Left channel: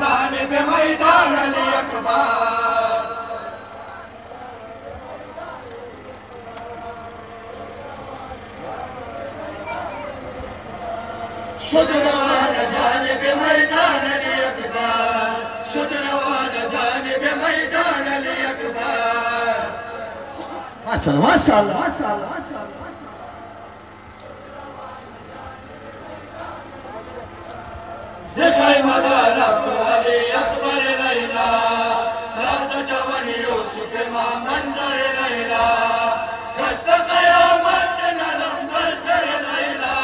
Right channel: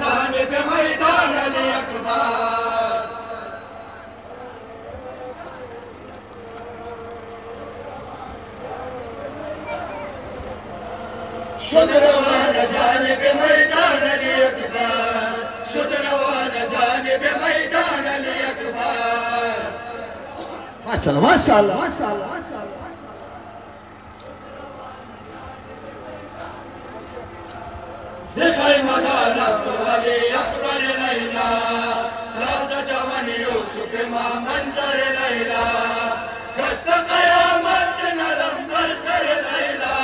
जानिब मैदान अली अकबर शुद्रवान जानिब मैदान अली अकबर शुद्रवान जानिब मैदान अली अकबर माशाअल्लाह माशाअल्लाह माशाअल्लाह ज़िखर मगारफ़ अली अकबर लैला राज़ जवान यूसुफ मां मंज़र लैला दस्त क़यामत नरम बरसर लैला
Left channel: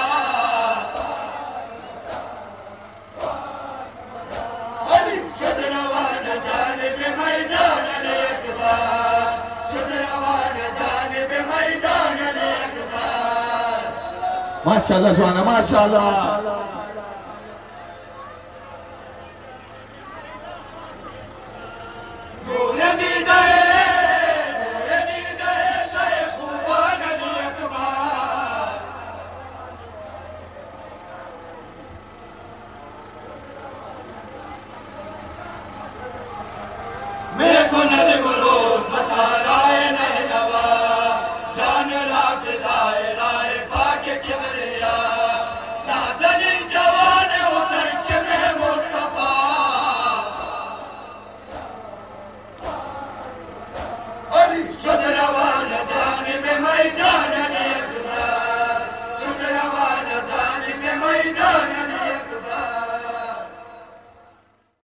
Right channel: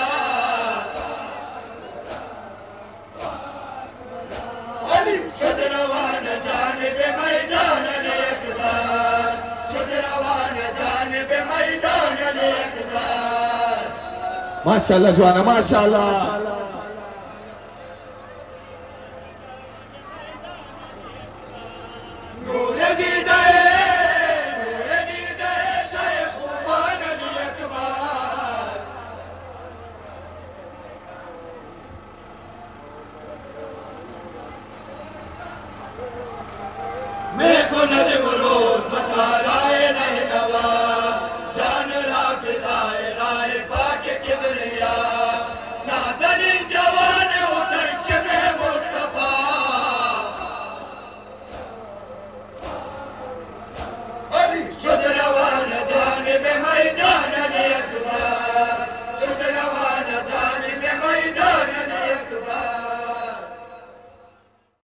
अली शुद्रवान जानिब मैदान अली अकबर शुद्रवान जानिब मैदान अली अकबर माशाअल्लाह सुभान माशाअल्लाह मेरे को नदिम रोज बसाराए नहीं नवा जान राफिदाए राय पाके किबरिया नाज़रीन जवान हुसैन शिमह मुस्तफा अली शुद्रवान जानिब मैदान अली अकबर शुद्रवान जानिब मैदान